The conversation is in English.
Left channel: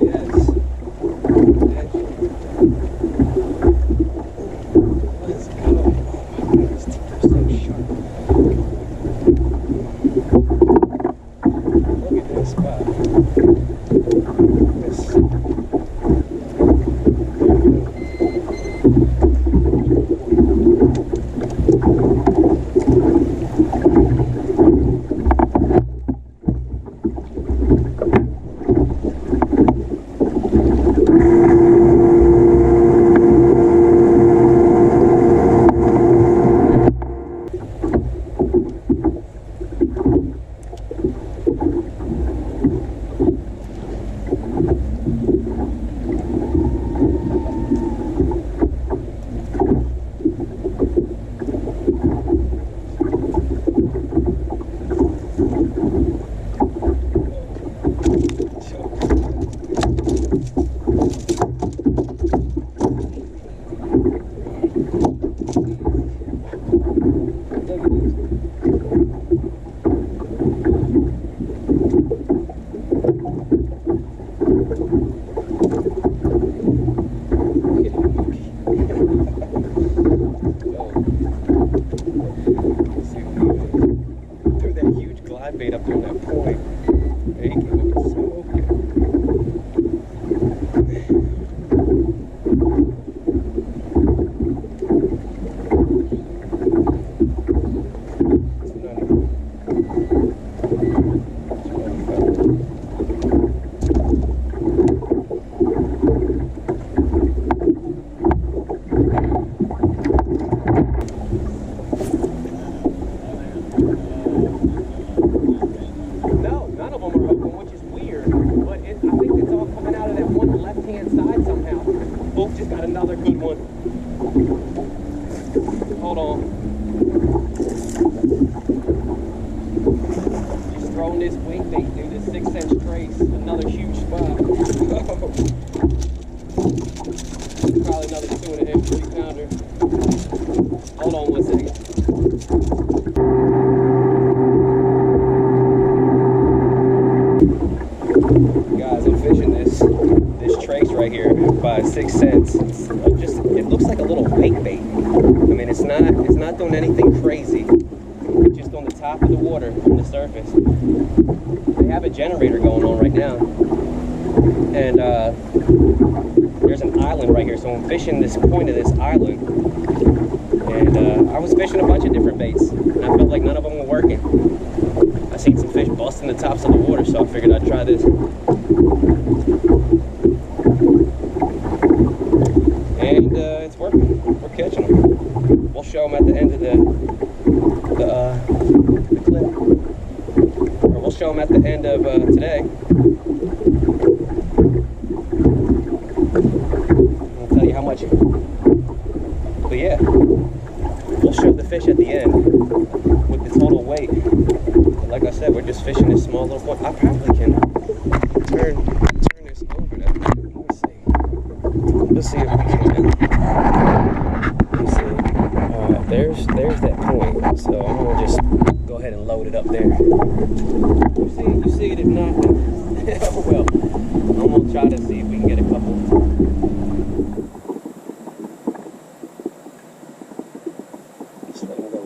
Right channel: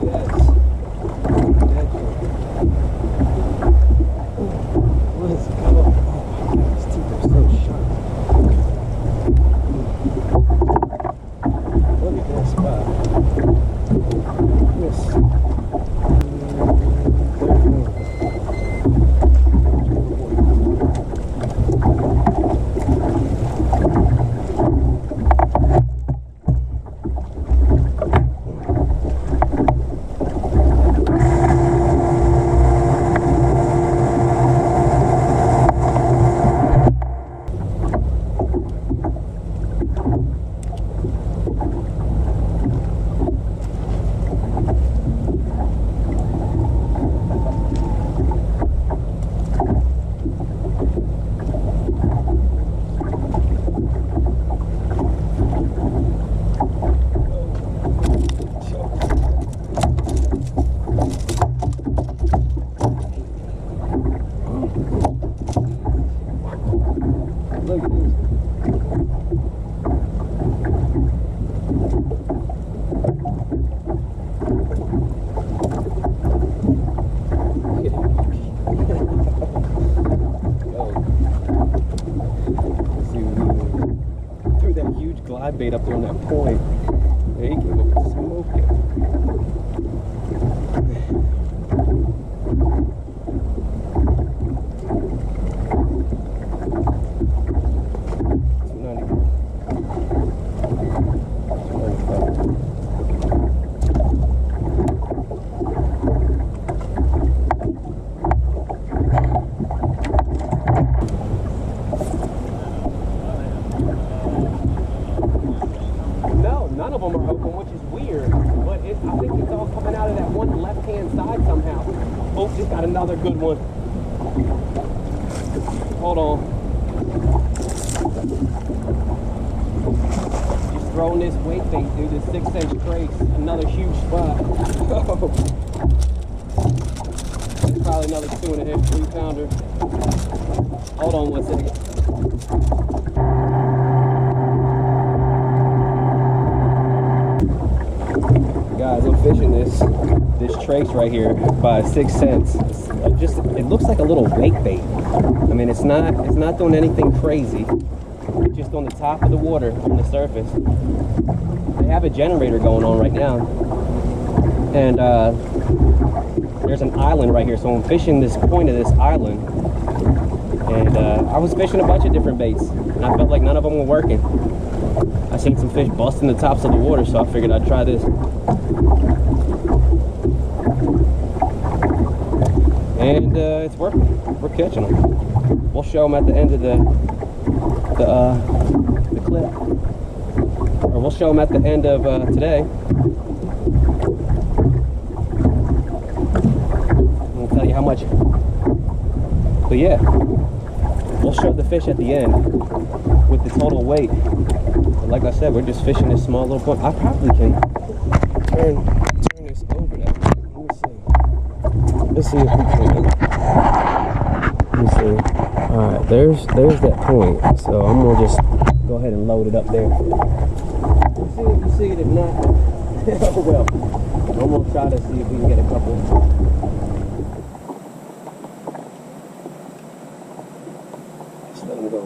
Yes. Let's go. Oh my God, his teeth are so sharp. Look at this spot. Yes. 31. Look at this. Threw that huge glide bait up there on that point. Yeah, he came up and smoked it. No, none of them are open, which is weird. But I think it's all coming out of that one left-hand side somehow. Oh, just got another good one. Hold on. Just throwing this weight bait, dude. This 6-inch trace. Another huge spot. Probably another 2.5, 3-pounder. Hold on 1 second. Guys, I'm fishing this trace right here by 6 cents. It looks like a little weight bait. I mean, it's not doing anything crazy. It's just on the top of the water, on the surface. They have a generator going on right now, and there's an island right here. So I'm fishing this point of this island, and I was fishing a bunch of different baits, and I felt like none of them were working. I seen some fish busting the tops of the water, so I figured I'd try this. And it's working. We're catching them. We'll show them at the end of the clip, or we'll show them at the end of today. I'll tell you how much. But yeah, we'll show the fish at the end with the total weight. But like I said, we're just fishing this small little point. I probably can turn this over there. Let's see if we can. Let's see. All right, there's that point. So I'm gonna just go ahead and load it up there. You see it, you see it. If not, oh well. I'm gonna try to see if we can get a couple. Just let them go.